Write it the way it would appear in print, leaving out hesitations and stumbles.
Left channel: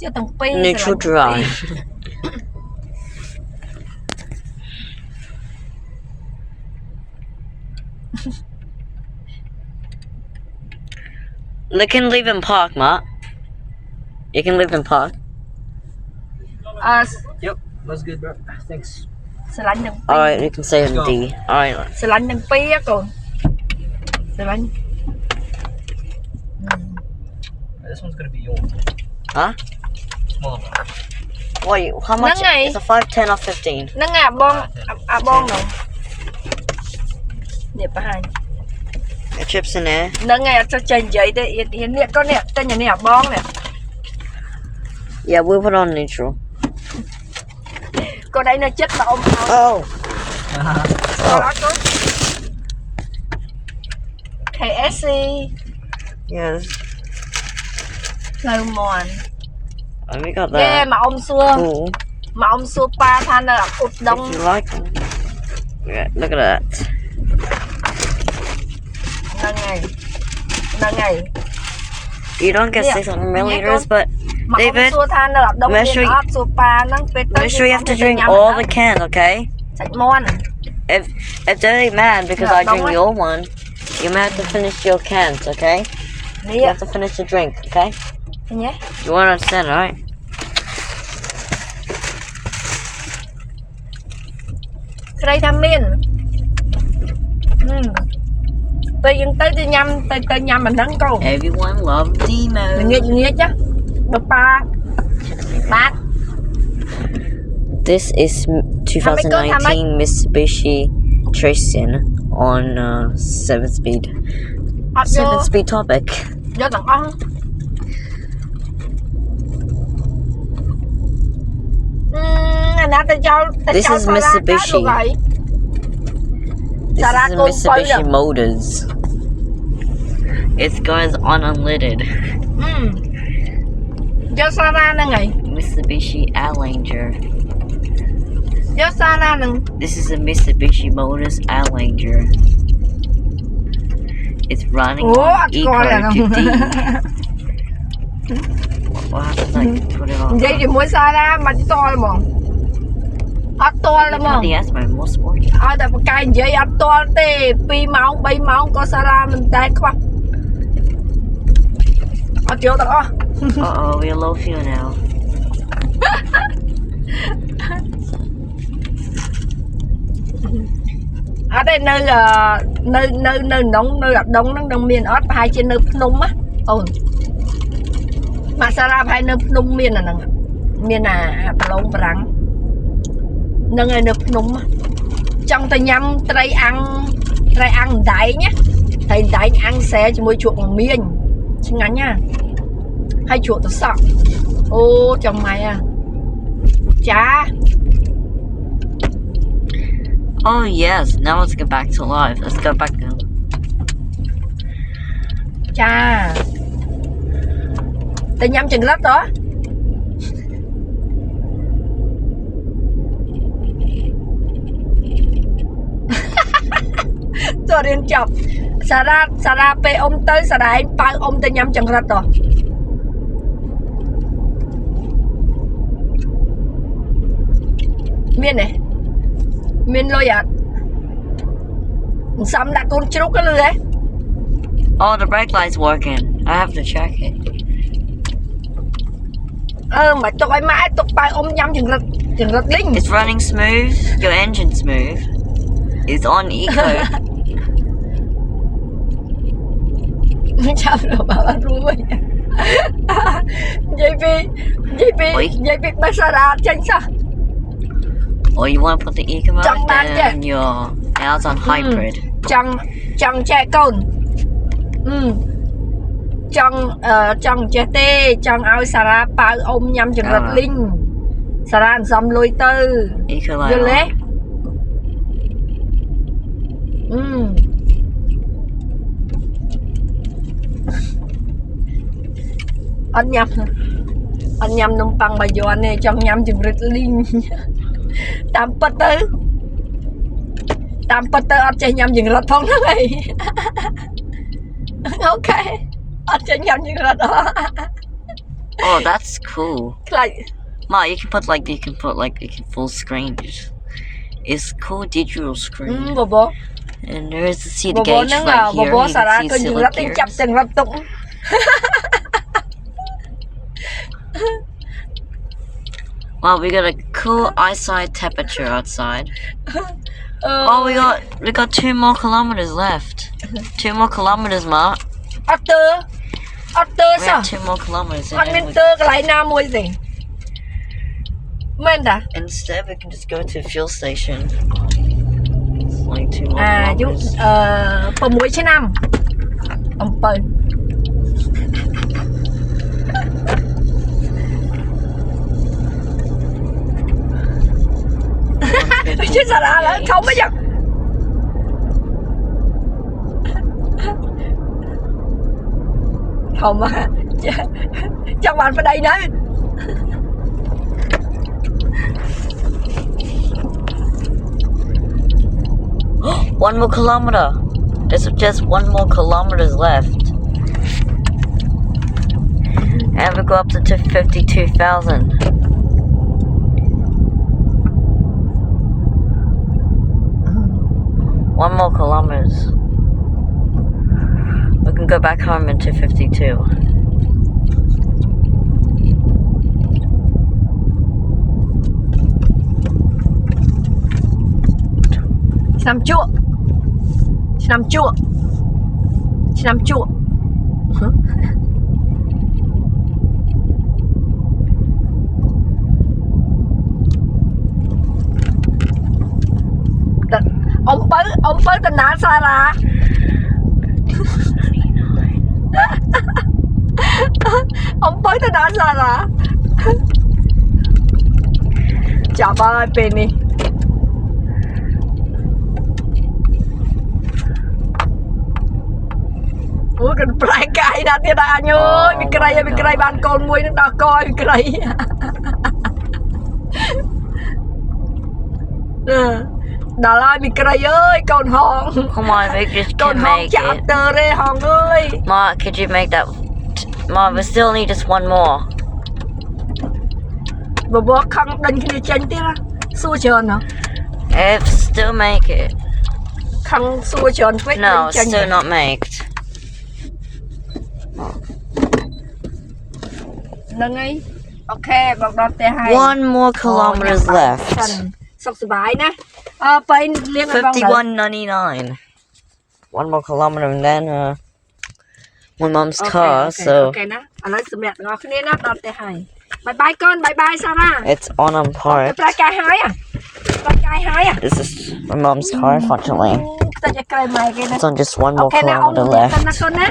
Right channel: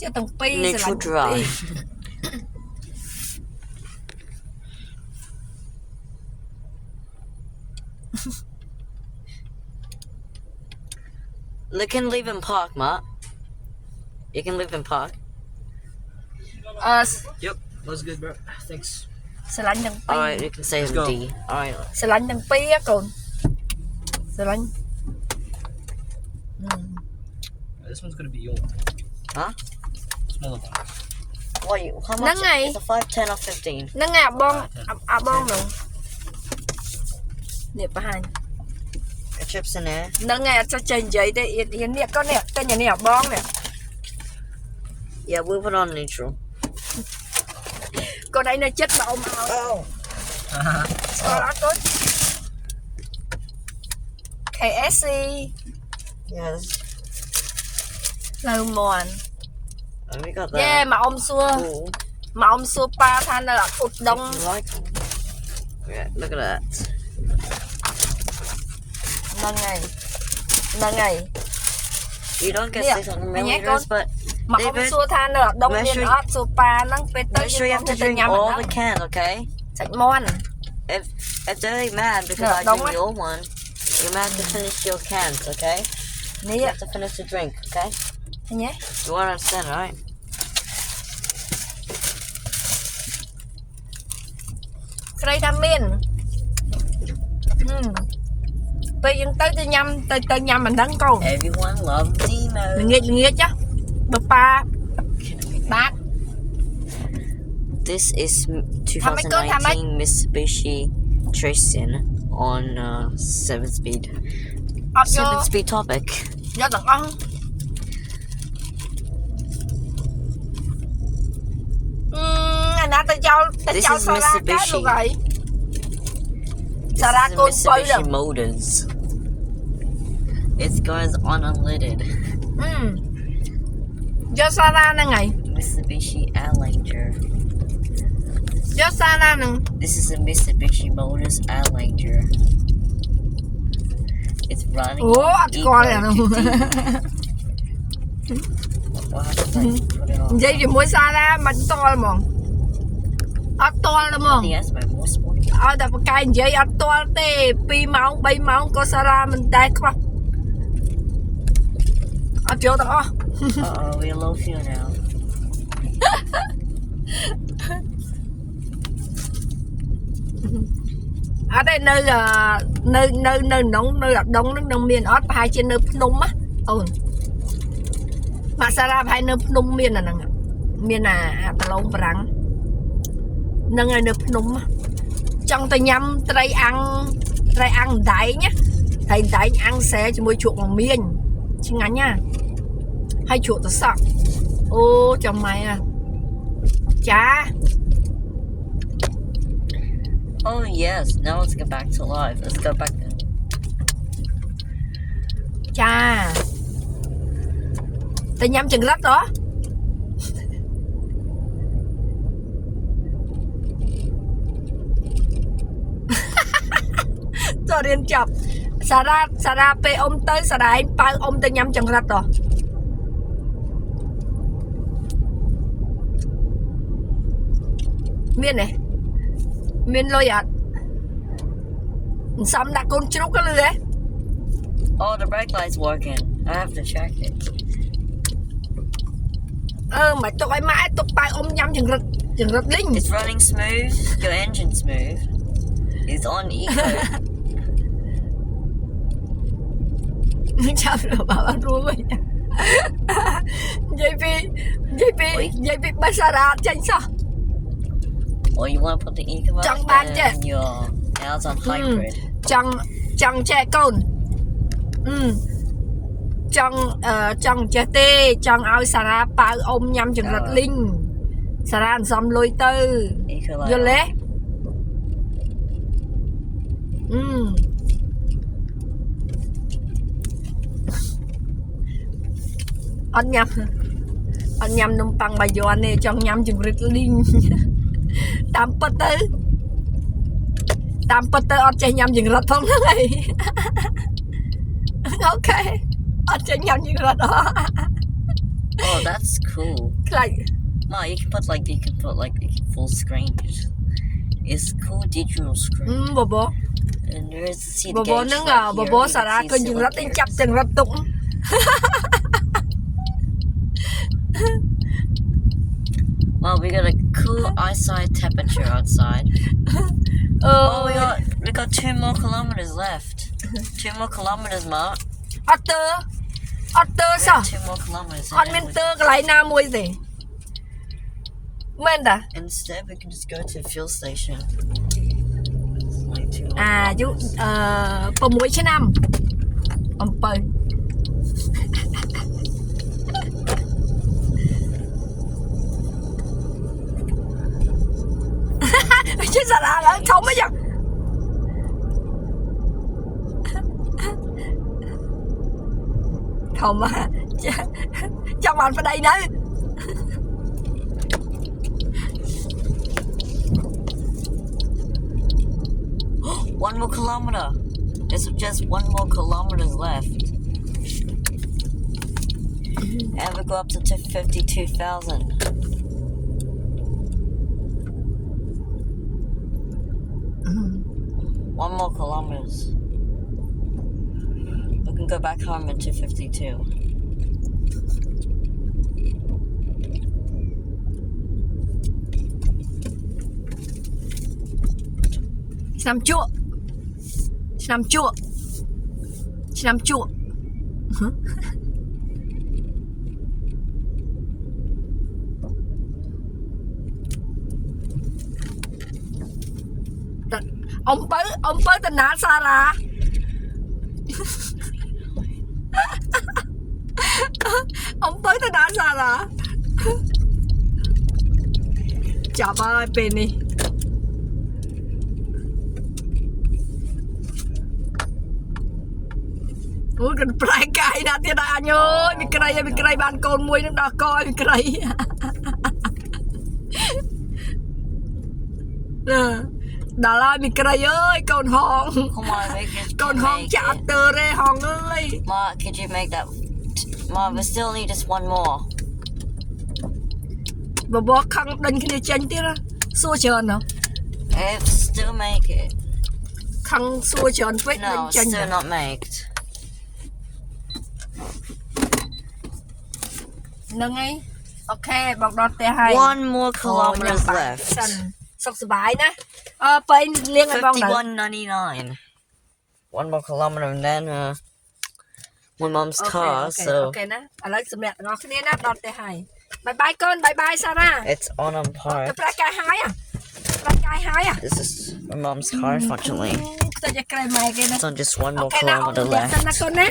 chưa từng pi Neutral dry. They can live in park, Matt. You can live in park. Yep, that's good, bro. Thanks. Xà lạnh từng pi. Alright, you can say in D. Alright. Xà lạnh từng pi á con. Xà lạnh. This one's gonna be yours. Huh? Smaller one. Wait, how much? Nắng ngày. It's a 5, 10 or 15? Nó ngà bon rồi. Nè bà hai. The chips in there. Nó ngà cho chanh giấy đấy. Hiện nè con nè, tên nhà nè bon nè. Yeah, we'll put on neutral. Con đây nó chết mà ông. Oh! Sau đó có KSC. Yes. Lâu mòn. And we got that. Yeah, mà ông xua. Cool. Mà ông xua pa than là ụt đông. If you like them. Yeah, look at that. Nâng ngày. You don't get Yeah. 600 Yeah, milliliters, but Mà ông David, xua than là đông make nhiên sure ớt xua pa nâng phê tới. make sure you have to drink all the cans, okay? Sạch mòn. If they're mad because Yeah, I don't drink worry. your one, you might have to finish your cans, okay? You Nè. have to finish the drink, okay? Thế nhé. You won't understand, right? Cái đây tham miên. Tôi dừng tới tôi nhâm mình nâng con. Everyone loves Demo. Mình nghe chứ. Bà pa. Bát. This is 2019 Mitsubishi Triton on 7-speed. Ọt vô. 7-speed topic. Vô tầng ong. Nè tôi cho This is Mitsubishi. This Sarah is a con Mitsubishi Motors. It goes on unleaded. Cho Sarah nè ngày. Mitsubishi Outlander. Cho Sarah nè. This is a Mitsubishi Motors Outlander. It's running Ủa, on anh coi là Eco to D. What happens when I put it on? Vậy thì mua Sarah mà to là mong. Ọt to là mong. The S by more sport. Tại một cái vậy ọt to tê. 2 máu, 3 máu có Sarah mình tay quá. Ọt vô tầng ong. Uh-oh, we're low fuel now. Ở đây nơi nóng nơi đông nó đông miền ớt hai trên nơi Phnom á. Mà Sarah hai nơi Phnom miền là nè. Miền là lông rắn. Nâng nơi Phnom á. Trong tay nhâm trai ăn đáy nhá. Thầy đáy ăn xé cho môi chuột bằng miên. Chứ ngắn nha. Hai chuột tôi sợ. Ô chồng mày à. Chà. Oh yes, now let's get back to life. Let's go back now. Chà. Tay nhâm chừng rất đó. Tôi đến chọc. Sarah pe ông tới Sarah anh bao ông tay nhâm chừng rất đó. Miên này. Miên lôi ạ. Xong đã con trúc cái lưới ấy. Oh, the brake light's working. I have to check it. Mà tôi phải mãi tôi bao ông nhâm chừng rất linh. It's running smooth. Your engine's smooth. It's on eco. Sao rồi bảo anh ru vậy? Vậy vì bà Sarah tranh sao? Or you want to put the eco mode Chẳng bán chứ. and your now it's on hybrid. Chẳng trẻ con. Chẳng trẻ tê, chẳng ao Sarah bao ông nhâm chừng rất linh. Sarah xong lôi tư. Eco light. Vô lẽ. Anh nhâm nông tăng bà vô anh này trong nhâm chừng rất linh. Tam bật tư anh chơi nhâm chừng rất thông đó này. Ok. Anh chơi nhâm chừng rất đó. Oh, that's cool. ខ្លាច Ma, you can put full screen. It's cool digital screen. បប And there is the see ប the ប gauge ហ្នឹង right ប here. ប You សារ៉ា can ឃើញ see យើងរត់ទិញ select ចាប់ gears. ទាំងរត់ទុក Wow, we got a cool eyesight temperature outside. អឺ Oh, we got 2 more kilometers left. 2 more kilometers, Ma. អត់ទើសោះ We have 2 more kilometers. អត់មានទើកន្លែងណាមួយទេមែនតា Instead, we can just go to the fuel station. It's like 2 more អាយុ kilometers. 6ឆ្នាំអំពៅ chứ sao ra là không bây giờ không mà cho bạn vào đây nữa One more kilometer. There's just 1 more kilometers left. And we go up to 52,000. One more kilometers. We can go back home into 52.ឆ្នាំជក់ឆ្នាំជក់ឆ្នាំជក់អំពៅតាណាសារ៉ាអំពៅតាណាសារ៉ាចាប់ហើយពេលនេះ Ủa cần phải cài đặt thì đã nhớ bị cây bán con muối nó đã coi bị cây đã lại bị cây ơi con hòn Come on, we just con can hòn make chạm it. tờ đây hòn ơi Ma, could you make that? Ma, we still need just 1 more. bà bố khăn đánh kia chanh tí ra xua trơn hả If still make it. khăn xua trơn phết No, đánh chanh still not make. nâng ấy ok bọc đọt tè hay 1 more kilometers left. សុខសប្បាយណាពេលលៀងឲ្យបង 51.99. 1 more kilometer and then my mom's car. អូ So ខេណាឥឡូវសម្រាប់ទាំងអស់គ្នាណាដល់ទៅហើយបាយបាយកូនបាយបាយសារ៉ា it's on park. ប្រាកាយហើយប្រាកាយហើយ This is my mom's car, unfortunately. ខ្ទេចឲ្យក្រៃម៉ែគេណា It's on just 1 អូ more ខេណាអ៊ំ kilometer និយាយទៅ left. ណាកូនណា